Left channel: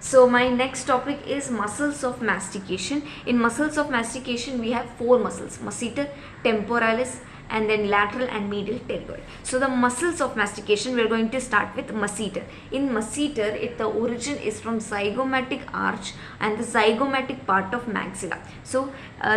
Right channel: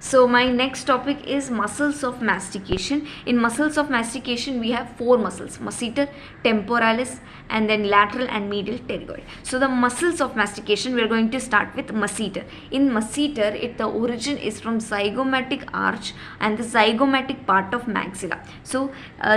So my next topic is muscles of mastication. In muscles of mastication, we have four muscles: masseter, temporalis, and then lateral and medial pterygoid. So the muscles of mastication, we are going to start with masseter. In masseter, the origin is from zygomatic arch and the zygomatic part of maxilla. So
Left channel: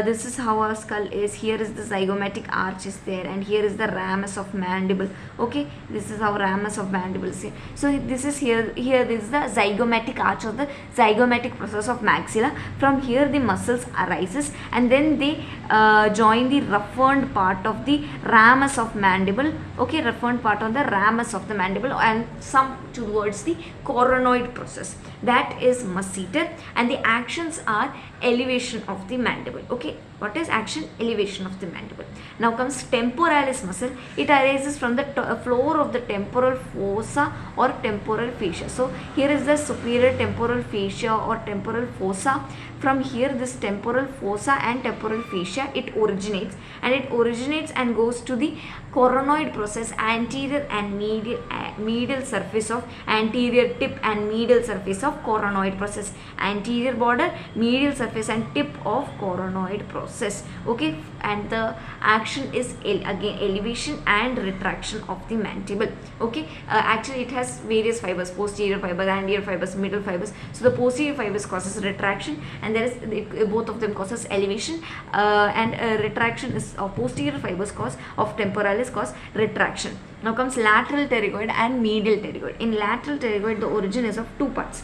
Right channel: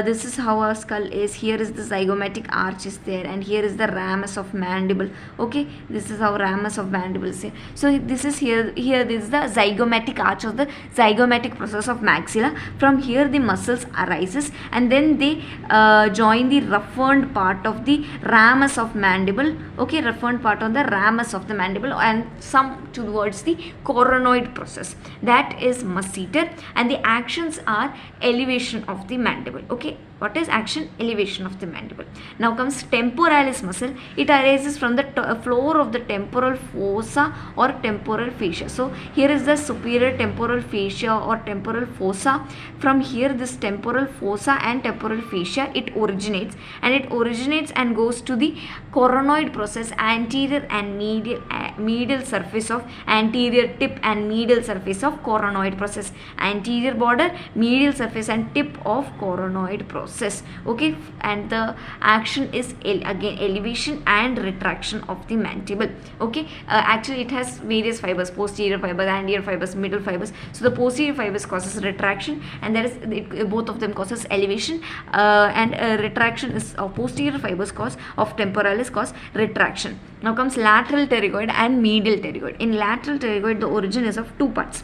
this is how our skull is. Here is the zygomatic arch is there, and here is the ramus of mandible. Okay, this is how ramus of mandible is here. So this is here. Here this is the zygomatic arch of the zygomatic process of maxilla. From here the muscles arises, and then they join the roughened part of the ramus of mandible. Okay, roughened part on the ramus of the mandible and some towards the coronoid process. That is masseter, and the actions are elevation of the mandible. Okay, what is action? Elevation of the mandible. Now comes temporalis muscle. It arises from the floor of the temporal fossa or temporal fascia. So here is the superior temporal fascia or temporal fossa. From here this temporal fossa and temporal fascia, it originates and goes to the coronoid process, anterior and medial surface of anterior tip and medial surface of coronoid process, anterior border, medial surface and tip of coronoid process. Okay, and the action is again elevation and retraction of the mandible. Okay, actually it has various fibers: posterior fibers, anterior fibers, middle fibers. So the posterior fibers causes retraction, and there is both of them causes elevation, and retraction is posterior fibers cause of temporalis cause retraction. Now comes lateral pterygoid and medial pterygoid. In lateral pterygoid, the origin is of two parts.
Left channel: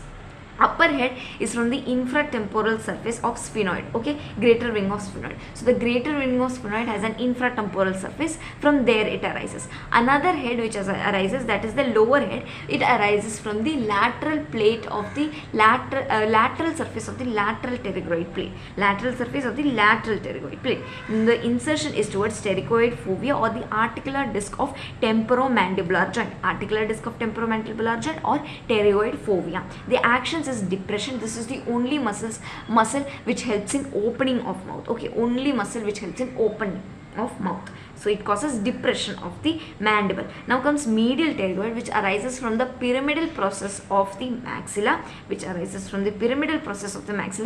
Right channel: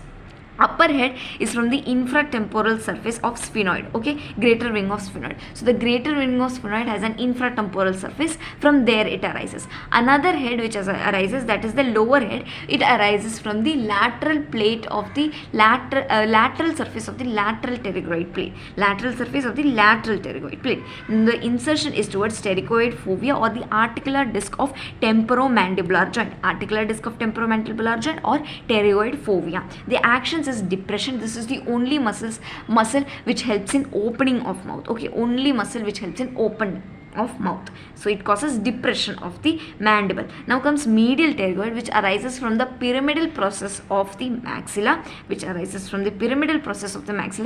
Upper head is from the infratemporal surface of sphenoid. Okay, greater wing of sphenoid. So the greater wing of sphenoid has an infratemporal surface. From there it arises. Another head which arises, that is the lower head. It arises from the lateral plate of the lateral surface of the lateral pterygoid plate. Lateral surface of the lateral pterygoid plate. The insertion is towards pterygoid fovea or the articular disc of temporomandibular joint. Articular disc of temporomandibular joint or pterygoid fovea. The actions is depression. This is the only muscle which helps in opening of mouth. Okay, only muscle which helps in opening of mouth. So it causes depression of the mandible. Now comes medial pterygoid, which arises from the pyramidal process of the maxilla,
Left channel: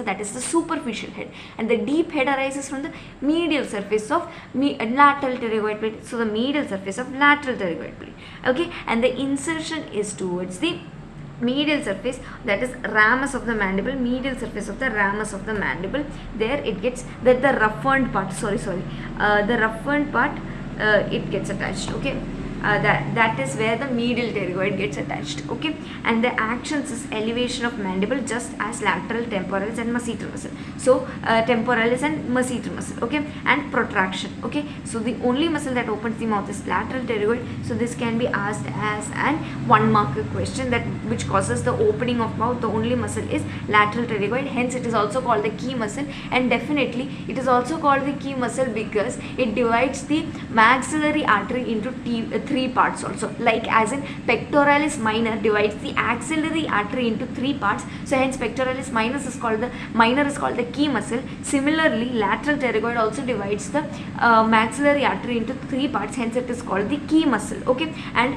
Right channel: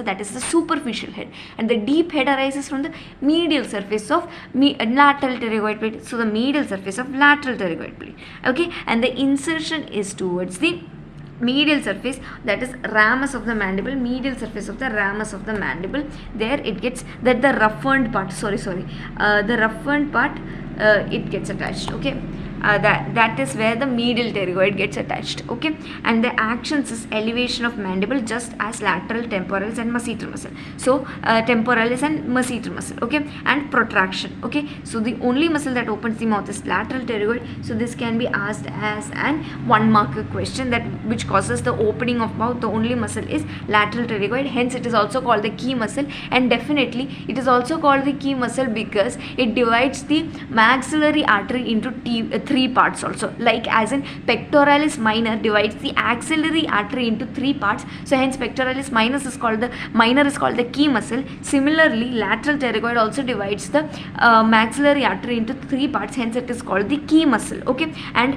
that is the superficial head, and the deep head arises from the medial surface of lateral pterygoid plate. So the medial surface of lateral pterygoid plate. Okay, and the insertion is towards the medial surface, that is ramus of the mandible, medial surface of the ramus of the mandible. There it gets that the roughened part, the roughened part, it gets attached. Okay, that is where the medial pterygoid gets attached. Okay, and the actions is elevation of mandible, just as lateral, temporalis and masseter muscle. So temporalis and masseter muscle. Okay, and protraction. Okay, so the only muscle that opens the mouth is lateral pterygoid. So this can be asked as an 1 mark question, that which causes the opening of mouth. The only muscle is lateral pterygoid, hence it is also called the key muscle. And definitely it is also called the key muscle because it divides the maxillary artery into three parts also, like as in pectoralis minor divides the axillary artery into three parts. So hence pectoralis minor is called the key muscle. Similarly, lateral pterygoid also divides the maxillary artery into three parts, hence it is called the key muscle. Okay, and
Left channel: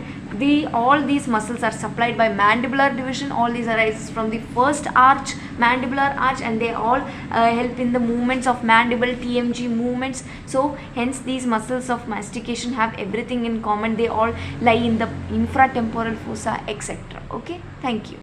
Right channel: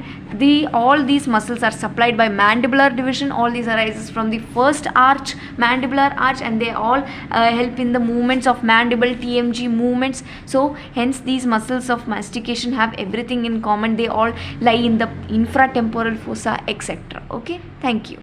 all these muscles are supplied by mandibular division. All these arises from the first arch, mandibular arch, and they all help in the movements of mandible, TMG movements. So hence these muscles of mastication have everything in common. They all lie in the infratemporal fossa, etc. Okay, thank you.